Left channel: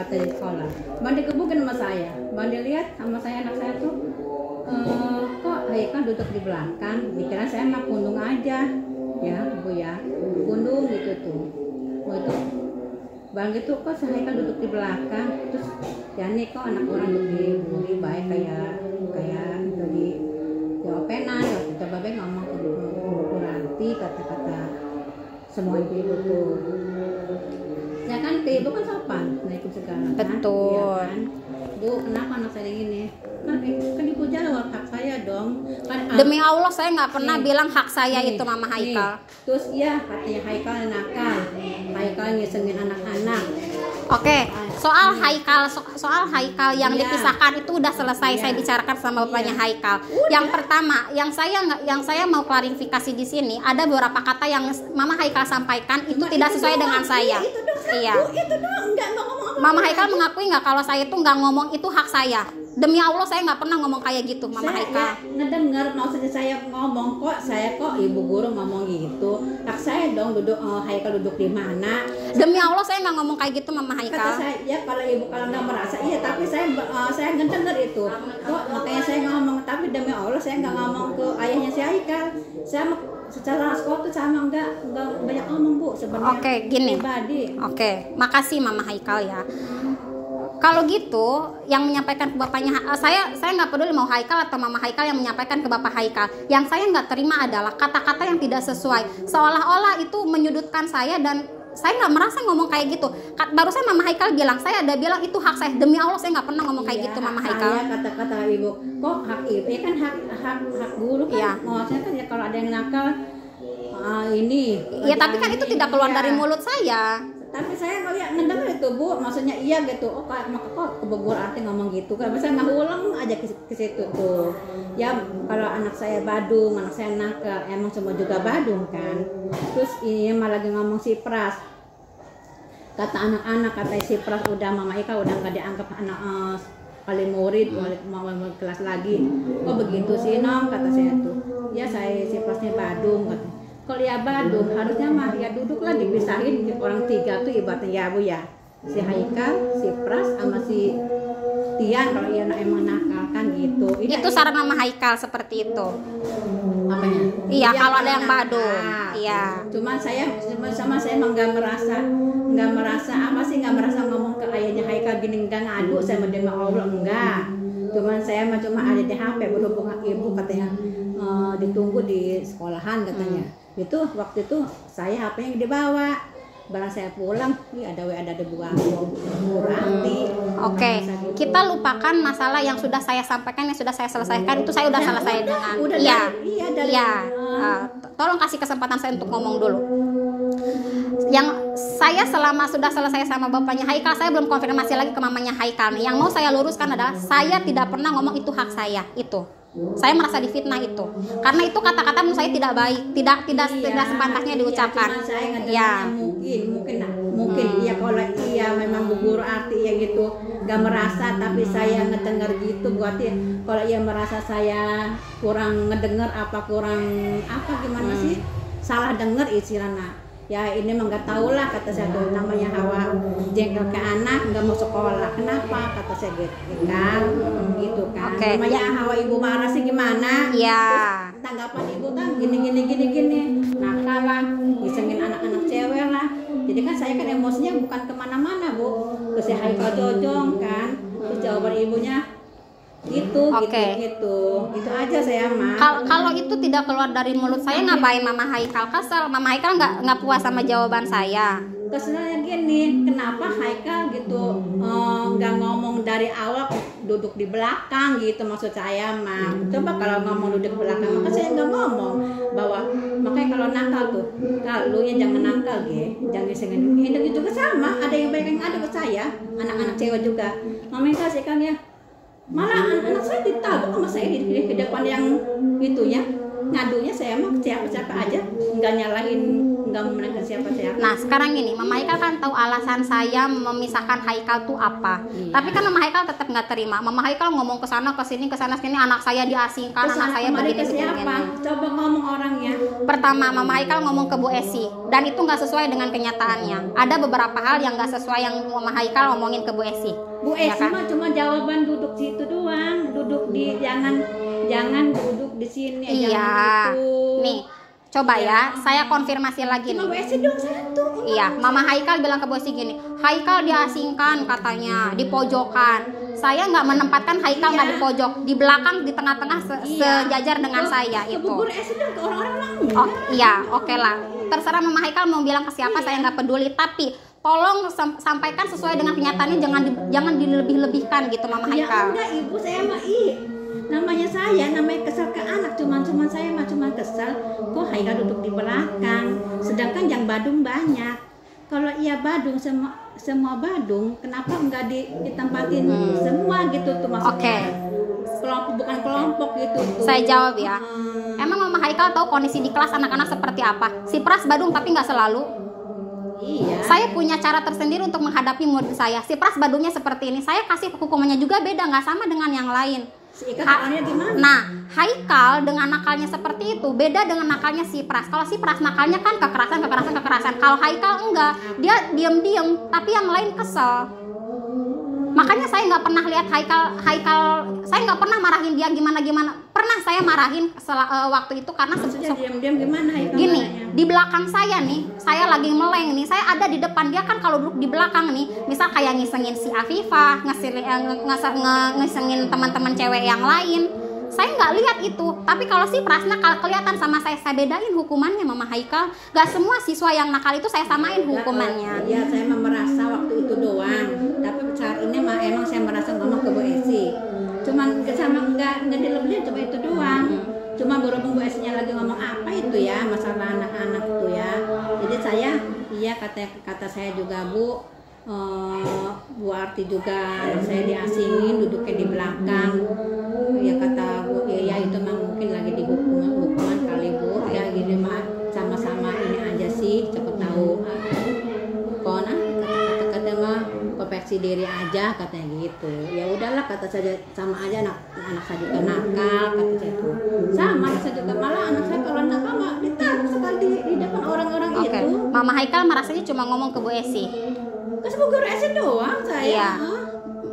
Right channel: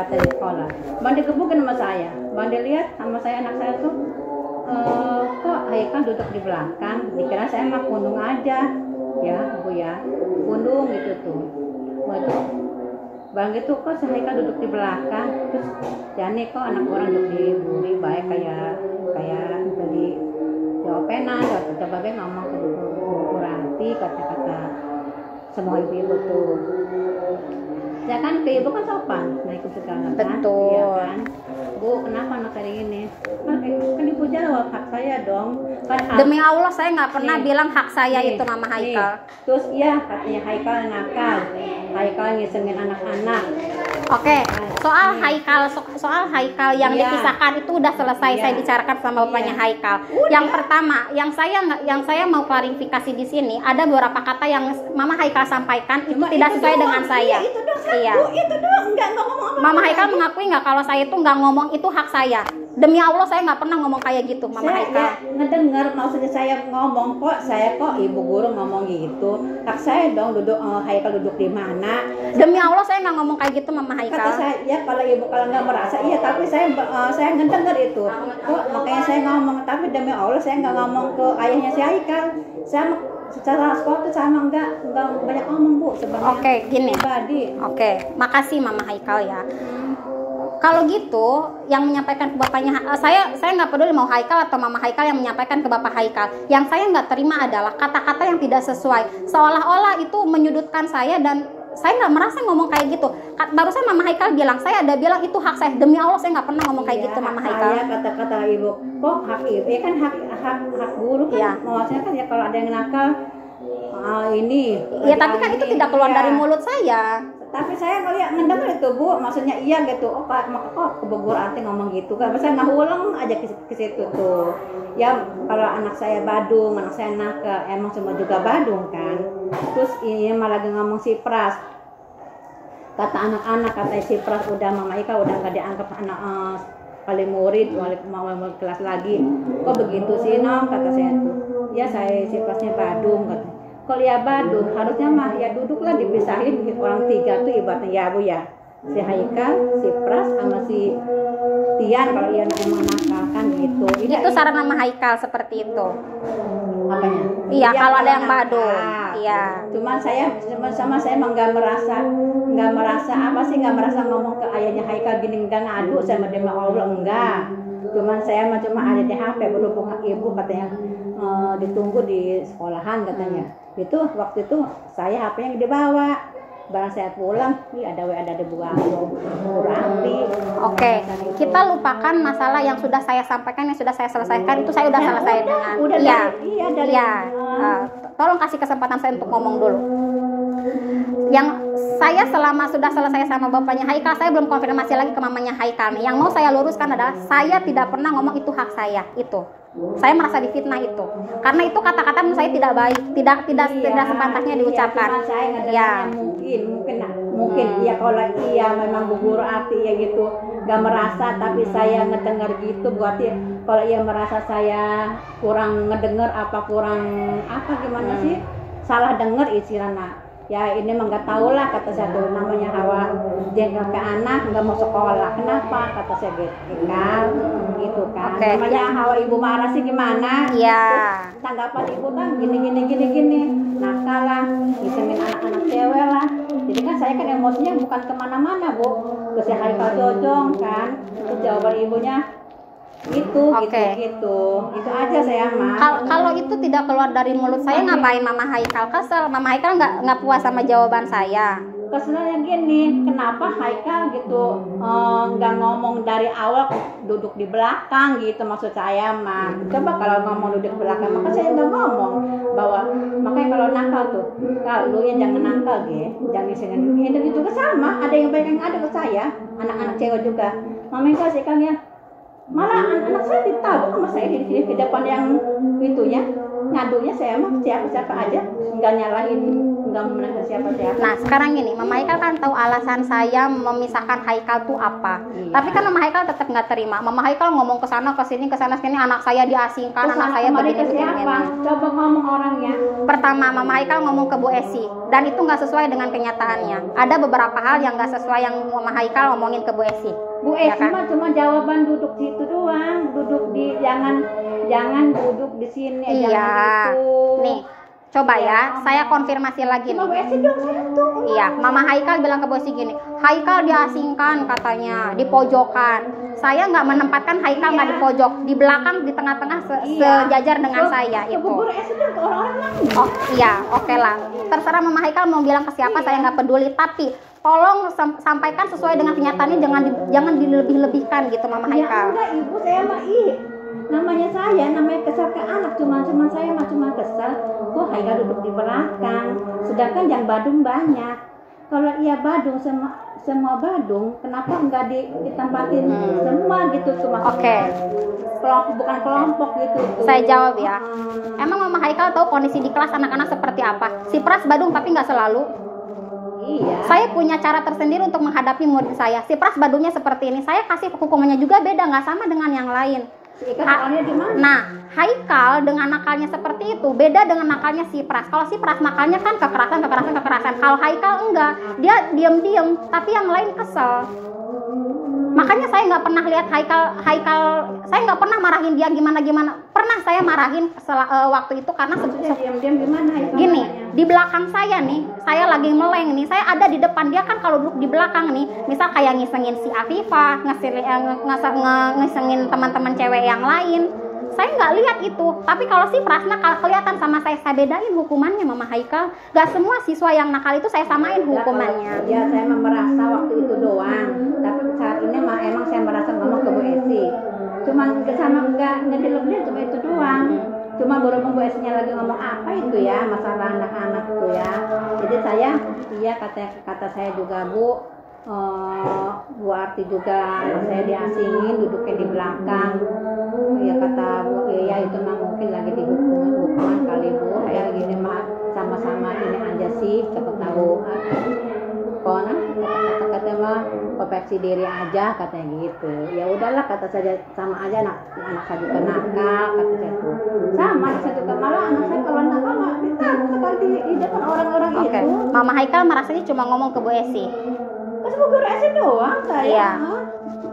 kata di sekolah. Bang dikebukin sama saya. Bang lihat sama saya anak saya tuh kok Haikal duduk di belakang. Dikira saya mah pundung aja, ya Bu ya, pundung gitu tuh. Waktu Bang gitu kok si Haikal duduk di belakang. Terus Jani kok anak orang duduk dibully baik kayak tadi jawabenan, coba babe ngomong ke Bu Ranti kata-kata semua ibu-ibu tuh. Ya kan ke ibu kan sopan, naik segala kan. Betul. Ya kan? Bu, kenapa anak saya ini? Kan ibu jawab hak saya dong. Kan Demi Allah saya nggak pernah nih, bilang hak saya nih, itu Mama Haikal. Terus iya katanya Haikal nakal. Haikal ngisengin anak-anak. Oke, soal Haikal yang Iya. dipisahkan itu udah selesai Iya. saya bicarakan sama bapaknya Iya. Haikal. Udah. Yang pertama, yang saya mau klarifikasi di sini ada beberapa kata yang Mama Haikal sampaikan itu Cuma tidak itu sesuai doang. dengan saya. Iya, itu doang satu. Iya. Itu doang enggak ngomong apa. Mama Haikal mengakui nggak kalau saya itu nggak ngomong itu hak saya. Demi Allah saya nggak pernah ngomong kayak gitu Mama Saya Haikal. ya ngedengar maksudnya saya ngomong kok ibu guru ngomong gitu. Hak saya dong duduk Haikal duduk di mana. Demi Allah saya nggak ngomong kayak gitu Mama Kata Haikal. saya ya kalau ibu kalau nggak merasa iya tapi saya ngedengar itu. Kok makanya saya ngomong tapi demi Allah saya nggak ngomong ke ayahnya si Haikal. Saya secara sekolah tuh sama nggak banyak ngomong Bu sebenarnya. Oke, gini. Pribadi. Oke, makasih Mama Haikal ya. Kalau gitu, yang menyampaikan ke bapaknya, saya nggak peduli mau Haikal atau Mama Haikal yang menyampaikan ke Bapak Haikal. Yang saya nggak terima adalah kata-kata yang tidak sesuai, seolah-olah itu menyudutkan saya dan saya nggak merasa ngomong kayak gitu. Barusan Mama Haikal bilang, saya ada bilang itu hak saya. Demi Allah saya nggak pernah ngomong kayak gitu Mama Haikal. Saya kata-kata ibu, kok hak ibu? Ya kan hak guru kan. Iya. Maksudnya kan ya kalau ada yang nakal ini. Ya tapi kan itu tidak keluar dari mulut saya. Tapi saya ngeliat ngedengar itu Bu, maksudnya iya gitu. Oh maka kok kebegur arti ngomong gitu kan. Saya nggak ulang aja ke situ tuh. Ya kalau anak saya Badung, anak saya nakal, emang semua juga Badung kan. Terus ini malah ngomong si Pras. Kata anak-anak kata si Pras udah Mama Ika udah nggak dianggap anak kali murid, mau kelas lagi. Kok begitu sih Nom kata saya tuh. Ya saya si Prasnya Badung kata. Kalau ya Badung harusnya mah ya duduklah dipisahin orang tiga tuh ibaratnya ya Bu ya, si Haikal, si Pras sama si Tian kalau ia emang nakal kan gitu. Itu saran Mama Haikal seperti itu. Apanya? Iya, Ya, kalau ada yang nakal. Badung. Iya. Cuma saya emang nggak merasa ngomong ke ayahnya Haikal gini nggak ngadu sama dia Allah enggak. Cuman saya cuma ada di HP berhubung ibu katanya ditunggu di sekolahan katanya. Itu waktu itu saya HP-nya dibawa. Barang saya pulang, ada Bu Ranti. Oke, kita lupakan masalah yang sudah saya sampaikan, yang sudah saya selesaikan. Itu saya udah selesai dengan. Tolong kasih kesempatan saya untuk ngomong dulu. Yang saya selama sudah selesai sama bapaknya Haikal, saya belum konfirmasi lagi ke mamanya Haikal. Yang mau saya luruskan adalah saya tidak pernah ngomong itu hak saya. Itu saya merasa difitnah itu karena itu kata-kata menurut saya tidak baik, tidak sepantasnya diucapkan. Cuma saya ngedengarnya mungkin ya kalau iya memang Bu Guru arti ya gitu nggak merasa, tapi saya ngedengar gitu berarti kalau ia merasa saya kurang ngedengar gimana sih salah dengar istilahnya. Ya ini mah nggak tahu lah kata saya tuh namanya Hawa jengkel ke anak nggak mau sekolah kenapa kata saya gitu kan. Okay. Namanya Hawa ibu marah sih gimana? Iya. Terus tanggapan ibu kan gini nakal lah ngisengin anak-anak cewek lah. Jadi kan saya kan emosinya bukan kemana-mana Bu ke si Haikal Jojong kan. Terus jawaban ibunya gitu aja saya mah. Kalau itu tidak keluar dari mulut saya, ngapain Mama Haikal kesel? Mama Haikal nggak puas sama jawaban saya. Keselnya gini, kenapa Haikal gitu nggak ngomong dari awal duduk di belakang gitu maksud saya mah. Coba kalau ngomong duduk di belakang maka saya nggak ngomong bahwa makanya kalau nakal tuh kalau ya jangan nakal jangan sengen itu juga sama ada yang banyak yang ada ke saya anak-anak cewek juga Mama Haikal sih kan ya malah anak saya ditabuk sama saya di depan yang itunya ngadunya saya mah siapa aja nggak nyalahin nggak memenangkan siapa-siapa. Nah sekarang gini, Mama Haikal kan tahu alasan saya memisahkan Haikal tuh apa. Iya. Tapi kan Mama Haikal tetap nggak terima. Mama Haikal ngomong ke sana ke sini, anak saya diasingkan, Terus anak saya kemarin begini ke siapa? Coba ngomong orangnya. Pertama, Mama Haikal ngomong ke Bu Esi, dan itu nggak sesuai dengan kenyataannya. Ada beberapa hal yang nggak sesuai yang Mama Haikal ngomongin ke Bu Esi. Bu Ya Esi kan? mah cuma jawaban duduk situ doang, duduk di jangan duduk di sini, Iya. jangan itu. Nih, coba Iya, ya, ngomong. saya konfirmasi lagi Cuma Bu nih. Esi doang satu. Iya, Mama Haikal bilang ke Bu Esi gini, Haikal diasingkan katanya, di pojokan. Saya nggak menempatkan Haikal nggak di pojok, di belakang, di tengah-tengah sejajar dengan saya Ke itu. Bu Esi doang ke orang-orang lain. Oh. Iya, oke lah. Terserah Mama Haikal mau bilang ke siapa, saya nggak peduli. Tapi tolong sampaikan sesuai dengan kenyataannya, jangan dilebih-lebihkan gitu Mama Ya Haikal. enggak ibu, saya mah namanya kesel ke anak, cuman saya mah cuma kesel kok Haikal duduk di belakang, sedangkan yang Badung banyak. Kalau iya Badung semua Badung, kenapa enggak ditempatin semua gitu tuh maksudnya? Oke. Kelompok bukan kelompok gitu tuh. Saya jawab ya. Emang Mama Haikal tahu kondisi di kelas anak-anak seperti apa? Si Pras Badung tapi nggak selalu. Iya. Saya punya cara tersendiri untuk menghadapi murid saya. Si Pras Badungnya seperti ini. Saya kasih hukumannya juga beda, nggak sama dengan yang lain. Si Ika soalnya gimana? Nah, Haikal dengan nakalnya seperti itu beda dengan nakalnya si Pras. Kalau si Pras nakalnya kan kekerasan. Kalau Haikal enggak, dia diam-diam, tapi yang lain kesel. Makanya saya nggak pernah lihat Haikal, saya nggak pernah marahin dia gimana. Pernah saya marahin waktu itu karena Maksudnya diam-diam gimana Haikal? gini, marahnya? di belakang saya nih, saya lagi meleng nih, saya ada di depan dia kan. Kalau duduk di belakang nih, misal kayak ngisengin si Afifah, ngisengin teman-teman cewek yang lain, saya nggak lihat itu. Tapi kalau si Prasna kalau kelihatan sama saya bedain hukumannya Mama Haikal. Gak semua siswa yang nakal itu saya samain hukumannya. Ya saya mah merasa waktu itu doang. Tapi saat ini mah emang saya merasa ngomong ke Bu Esi. Cuman sama enggak dilebih cuma itu doang. Cuma berhubung Bu Esi-nya lagi ngomong apa itu ya, masalah anak-anak itu ya. Jadi saya iya kata saya juga Bu Arti juga anak saya diasingin duduknya di belakang. Ya kata Bu, ya itu mah mungkin lagi hukuman kali Bu. Ya gini mah sama-sama ini aja sih, cepet tahu. Kona kata mah koreksi diri aja katanya gitu. Ya udahlah kata saya sama aja anak saya juga nakal kata saya tuh. Sama saya juga malah anak saya kalau nakal mah ditangkap sekali di depan orang-orang Oke. itu. Mama Haikal merasanya cuma ngomong ke Bu Esi. Terus Bu Guru Esi doang saya. Iya.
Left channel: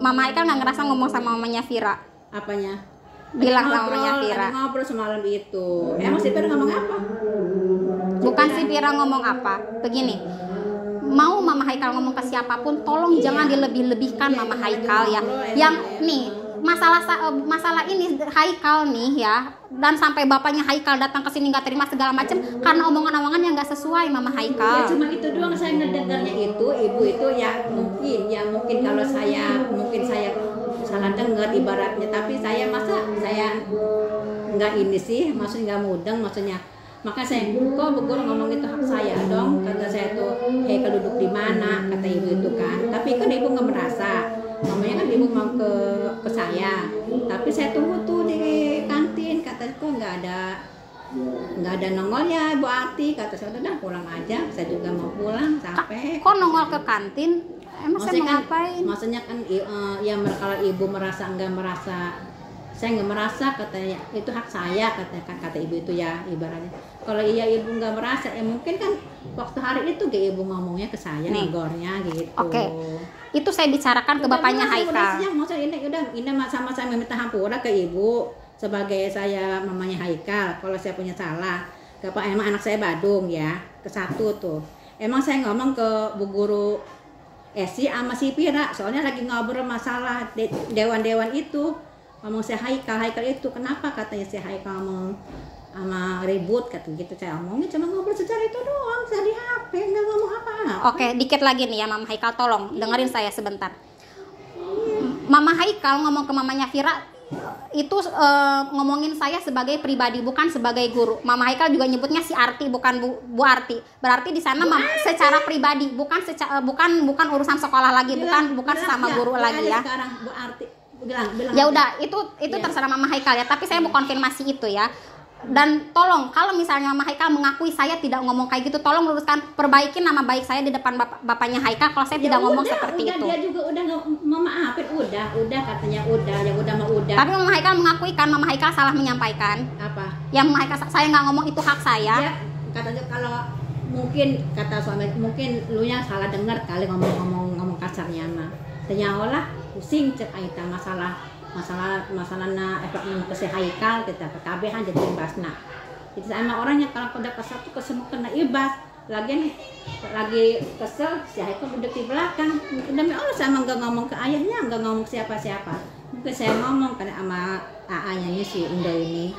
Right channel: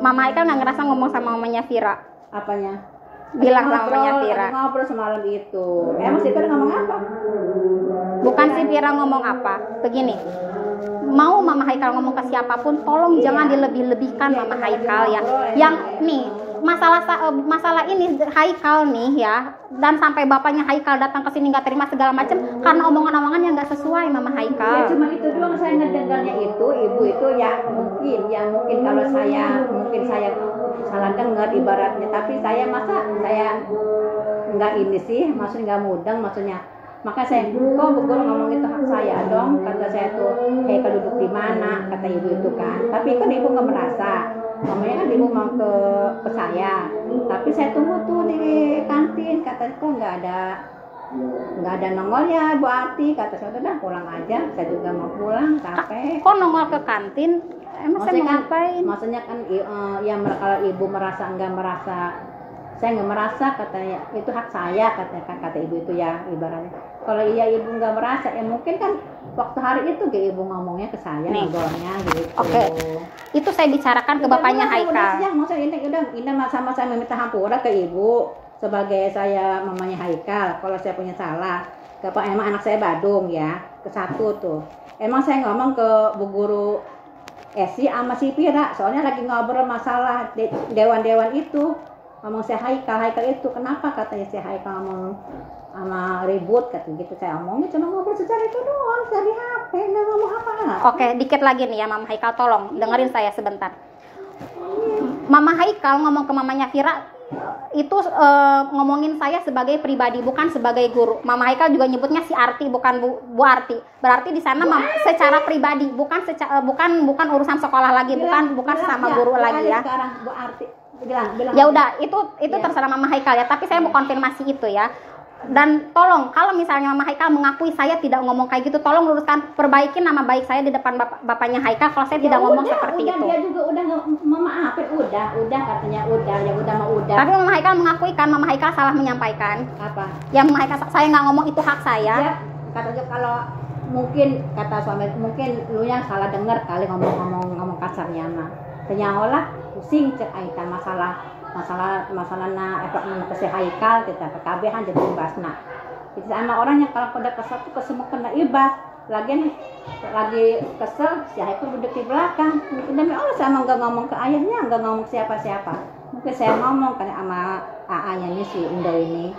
Mama Haikal nggak ngerasa ngomong sama mamanya Vira. Apanya? Bilang Ada sama mamanya Vira. ada ngobrol semalam itu. Emang si Vira ngomong apa? Bukan si Vira ngomong apa. Begini, mau Mama Haikal ngomong ke siapapun, tolong jangan dilebih-lebihkan Iya, Mama jangan Haikal ya. ngobrol ya. Yang nih masalah ini Haikal nih ya, dan sampai bapaknya Haikal datang ke sini nggak terima segala macam karena omongan-omongan yang nggak sesuai Mama Ya Haikal. cuma itu doang saya ngedengarnya itu ibu itu ya mungkin kalau saya salah dengar ibaratnya, tapi saya nggak ini sih, maksudnya nggak mudeng maksudnya. Maka saya kok Bu Guru ngomong itu hak saya dong, kata saya tuh Haikal duduk di mana kata ibu itu kan, tapi kan ibu nggak merasa, namanya kan ibu mau ke saya, tapi saya tunggu tuh di kantin, kata kok nggak ada nongol ya Bu Ati, kata saya udah pulang aja, saya juga mau pulang capek. Kok nongol ke kantin? Emang saya ngapain? Maksudnya kan ya kalau ibu merasa nggak merasa, saya nggak merasa katanya itu hak saya kata ibu itu ya ibaratnya. Kalau iya ibu nggak merasa ya mungkin kan waktu hari itu ibu ngomongnya ke saya ngobrolnya gitu. Oke. Itu saya bicarakan ke bapaknya Haikal. Ya maksudnya ini sama-sama meminta hampura ke ibu sebagai saya mamanya Haikal. Kalau saya punya salah, emang anak saya Badung ya ke satu tuh. Emang saya ngomong ke Bu Guru Esi sama si Pira soalnya lagi ngobrol masalah dewan-dewan itu. Ngomong si Haikal itu kenapa katanya si Haikal ngomong sama ribut kata gitu, saya omongnya cuma ngobrol secara itu doang, saya di HP nggak ngomong apa-apa. Oke, dikit lagi nih ya Mama Haikal, tolong dengerin saya sebentar. Mama Haikal ngomong ke mamanya Vira itu ngomongin saya sebagai pribadi, bukan sebagai guru. Mama Haikal juga nyebutnya si Arti, bukan Bu Arti. Berarti di sana secara pribadi, bukan urusan sekolah lagi, bukan sama guru lagi ya. Sekarang Bu Arti bilang Ya udah, itu terserah Mama Haikal ya, tapi saya mau konfirmasi itu ya. Dan tolong kalau misalnya Mama Haikal mengakui saya tidak ngomong kayak gitu, tolong luruskan, perbaikin nama baik saya di depan bapaknya Haikal kalau saya tidak ngomong seperti itu. Dia juga udah memaafin, udah katanya udah, yang udah mah udah. Tapi Mama Haikal mengakui kan Mama Haikal salah menyampaikan. Apa? Yang Mama Haikal, saya nggak ngomong itu hak saya. Ya, katanya kalau mungkin kata suami, mungkin lu yang salah dengar kali ngomong kasarnya mah. Ternyata lah pusing cek aita masalah na efek ke Haikal kita PKB jadi ibasna. Itu sama orangnya kalau udah kesel tuh kesel kena ibas. Lagi kesel si Haikal udah di belakang. Demi Allah saya emang nggak ngomong ke ayahnya, nggak ngomong ke siapa-siapa. Mungkin saya ngomong karena sama AA-nya ini si Indo ini.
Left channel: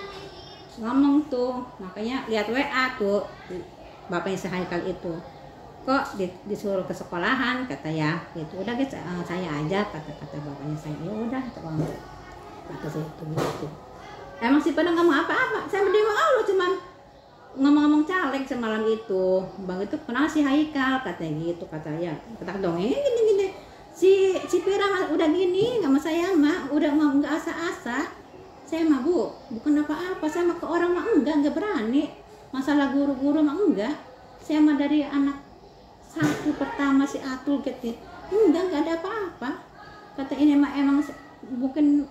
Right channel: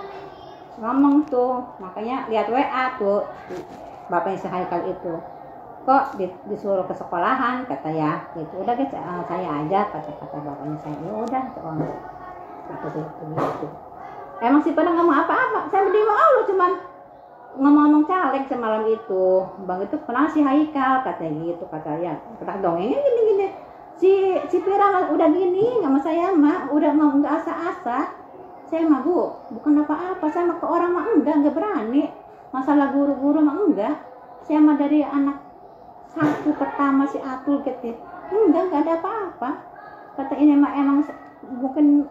Ngomong tuh, makanya lihat WA tuh bapaknya si Haikal itu. Kok disuruh ke sekolahan kata ya gitu. Udah guys, saya aja kata bapaknya saya. Ya udah kata saya itu gitu. Emang si pada ngomong apa-apa. Saya berdiri Allah cuman ngomong caleg semalam itu. Bang itu kenal si Haikal katanya gitu, kata ya. Kata dongeng gini. Si Pira udah gini sama saya mah udah nggak asa-asa. Saya mah Bu, bukan apa-apa. Saya mah ke orang mah enggak berani. Masalah guru-guru mah enggak. Saya mah dari anak satu pertama si Atul gitu. Enggak ada apa-apa. Kata ini mah emang mungkin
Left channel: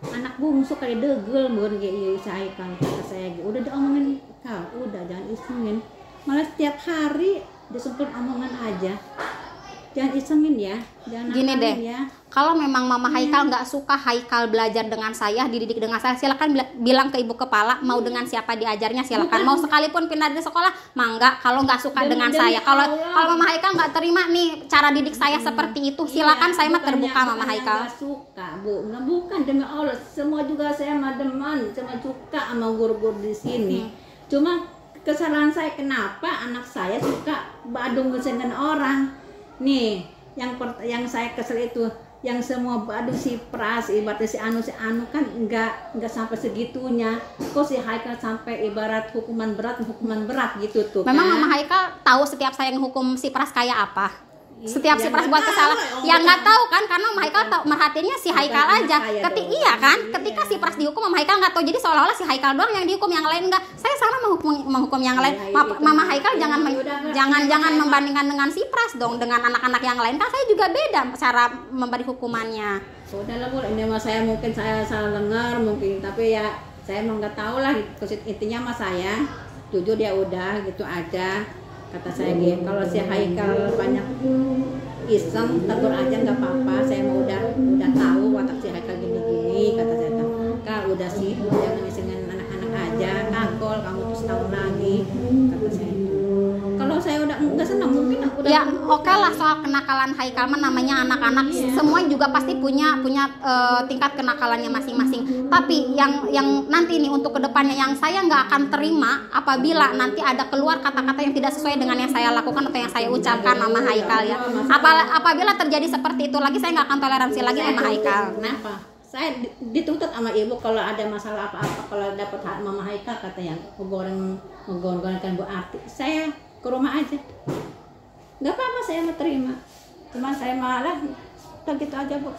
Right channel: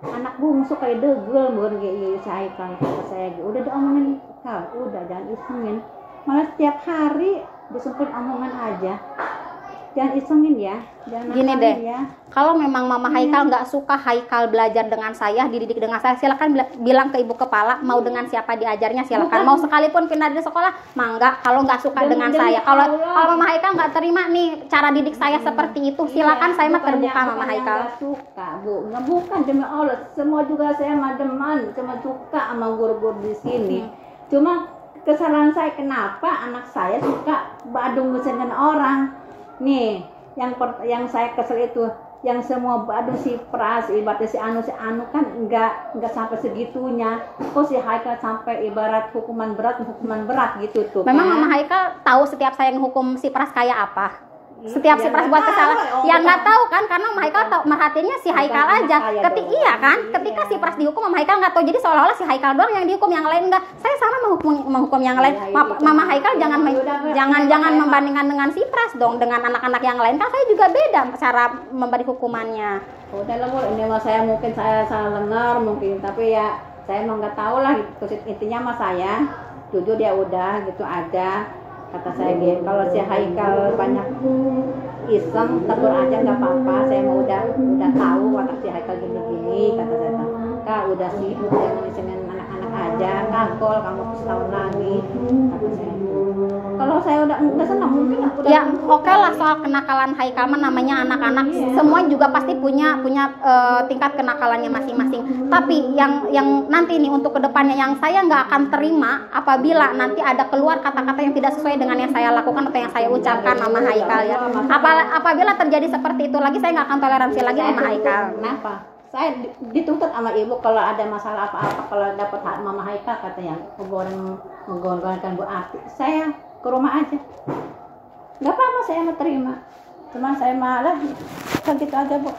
anak bungsu kayak degel bukan kayak saya kan kata saya gitu. Udah diomongin Kal, udah jangan isengin. Malah setiap hari disempit omongan aja. Jangan isengin ya. Jangan gini deh ya. Kalau memang Mama Haikal nggak suka Haikal belajar dengan saya, dididik dengan saya, silakan bilang ke ibu kepala mau dengan siapa diajarnya silakan. Mau sekalipun pindah dari sekolah mangga. Kalau nggak suka dengan saya, kalau Mama Haikal nggak terima nih cara didik saya seperti itu, silakan. Saya mah terbuka Mama Haikal. Nggak suka Bu, nggak bukan demi Allah. Semua juga saya mah demen, semua suka sama guru-guru di sini. Cuma kesalahan saya kenapa anak saya suka badung dengan orang. Nih, yang saya kesel itu, yang semua badung si Pras, ibaratnya si Anu kan enggak sampai segitunya. Kok si Haikal sampai ibarat hukuman berat gitu tuh. Memang kan? Mama Haikal tahu setiap saya menghukum si Pras kayak apa? Setiap si Pras buat kesalahan, ya nggak tahu kan, karena Mama Haikal merhatiinnya si Haikal aja. Ketika si Pras dihukum, Mama Haikal nggak tahu. Jadi seolah-olah si Haikal doang yang dihukum, yang lain nggak. Saya sama menghukum yang lain. Mama Haikal jangan membandingkan dengan si Pras dong, dengan anak-anak yang lain kan saya juga beda cara memberi hukumannya. Udah lah Bu, ini mah saya mungkin saya salah dengar mungkin, tapi ya saya emang nggak tahu lah. Intinya mah saya jujur dia udah gitu aja. Kata saya gitu, kalau si Haikal banyak iseng tegur aja nggak apa-apa. Saya mau udah tahu watak si Haikal gini-gini. Kata saya, Kak udah sih jangan isengin anak-anak aja. Kakol kamu tuh setahun lagi. Kata saya itu. Kalau saya udah nggak senang mungkin udah. Ya oke lah soal kenakalan Haikal mah namanya anak-anak. Semua juga pasti punya tingkat kenakalannya masing-masing. Tapi yang nanti nih untuk kedepannya yang saya nggak akan terima apabila nanti ada keluar kata-kata yang tidak sesuai dengan yang saya lakukan atau yang saya ucapkan Mama Haikal ya. Apabila terjadi seperti itu lagi, saya nggak akan toleransi lagi Mama Haikal. Kenapa? Saya dituntut sama ibu kalau ada masalah apa-apa, kalau dapat hak Mama Haikal katanya menggorengkan Bu Arti, saya ke rumah aja. Nggak apa-apa, saya mau terima. Cuma saya malah begitu aja Bu.